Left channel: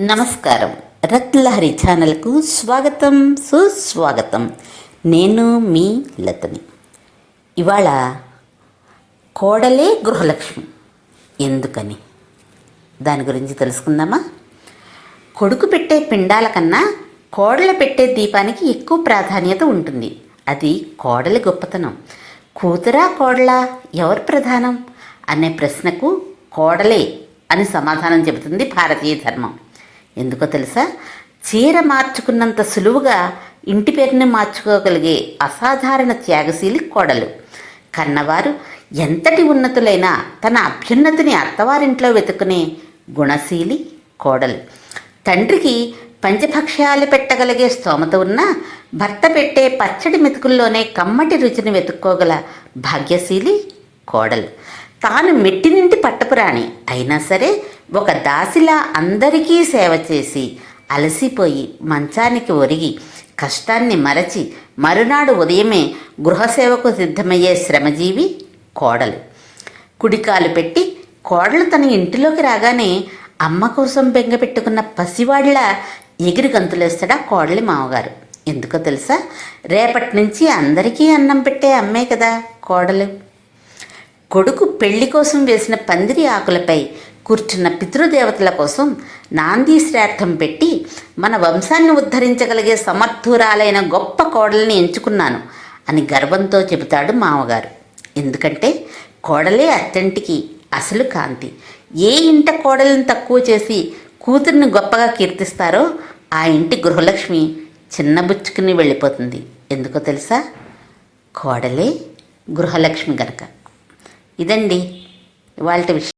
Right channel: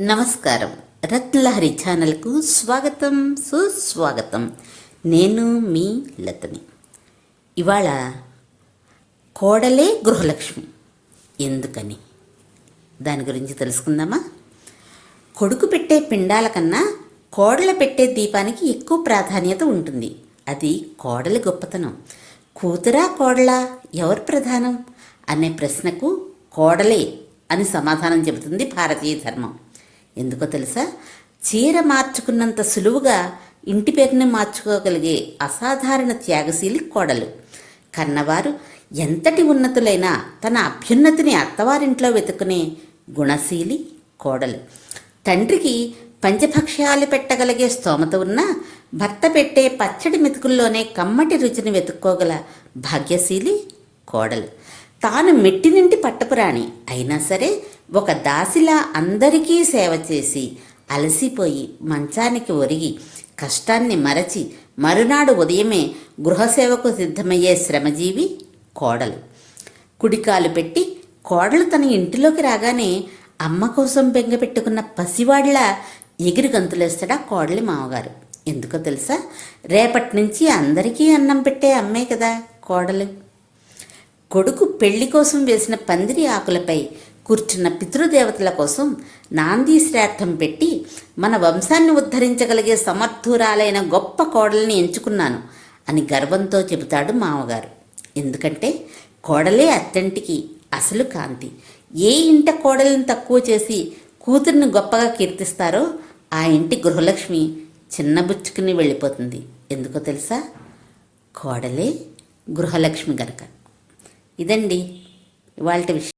నమస్కారం. రత్లహరి ఛానల్కు స్వాగతం సుస్వాగతం. నేను మీ లతని. ఇవాళ కోడలే గృహలక్ష్మి. ఎందుకని? దాని గురించి తెలుసుకుందామా? కొడుకు పెట్టే పిండాల కన్నా కోడలు పెట్టే దీపానికి ఎక్కువ ప్రాధాన్యత ఉంటుంది. అది కోడలి గొప్పతనం. కూతురా కోడలా ఎవరు ప్రధానం? అనే ప్రశ్నకు కోడలే అని సమాధానం చెబుతుంది భారతీయ ధర్మం. ఎందుకో తెలుసా? చీర మార్చుకున్నంత సులువుగా ఇంటి పేరుని మార్చుకోగలిగే అసాధారణ త్యాగశీలి కోడలు. కన్నవారు ఎంతటి ఉన్నతులైనా తన అభ్యున్నతిని అత్తవారింట్లో వెతుకునే గుణశీలి కోడలు. తండ్రికి పంచభక్ష్యాలు పెట్టగలిగే స్తోమత ఉన్నా భర్త పెట్టే పచ్చడి మెతుకుల్లోనే కమ్మటి రుచిని వెతుక్కోగల భాగ్యశీలి కోడలు. తాను మెట్టినింటి పట్టపురాణి అయినా సరే ఒక దాసిలా అందరికీ సేవ చేసి అలసిపోయి మంచానికి ఒరిగి కష్టాన్ని మరచి మరునాడు ఉదయమే గృహసేవకు సిద్ధమయ్యే శ్రమజీవి కోడలు. కుడికాలు పెట్టి కోడలు తన ఇంటిలోకి రాగానే అమ్మ కోసం బెంగ పెట్టుకున్న పసివాడిలా ఎగిరి గంతులేస్తాడా కోడలి మామగారు. ఎందుకో తెలుసా? రేపటి నుంచి అందరికీ అన్నం పెట్టే అమ్మే కదా కోడలు. కొడుకు పెళ్ళి కోసం వేసిన పందిరి ఆకులపై కూర్చున్న పితృదేవతల కోసం నాంది శ్రార్థం పెట్టి మన వంశాన్ని ఉద్ధరించగలిగే సమర్థురాలైన గొప్ప కోడల్ని ఎంచుకున్నాను అని గర్వంతో చెబుతాడు మామగారు. ఎందుకంటే కోడలే అత్తంటికి అసలు కాంతి. ఏ ఇంట కోడలను తక్కువ చేసి కూతుర్ని గొప్పగా కీర్తిస్తారో ఆ ఇంటి గృహలక్ష్మి చిన్నబుచ్చుకుని వెళ్ళిపోతుంది. ఎందుకో తెలుసా? కోడలే గృహలక్ష్మి గనక. ఇదండి వాళ్ళ విషయం.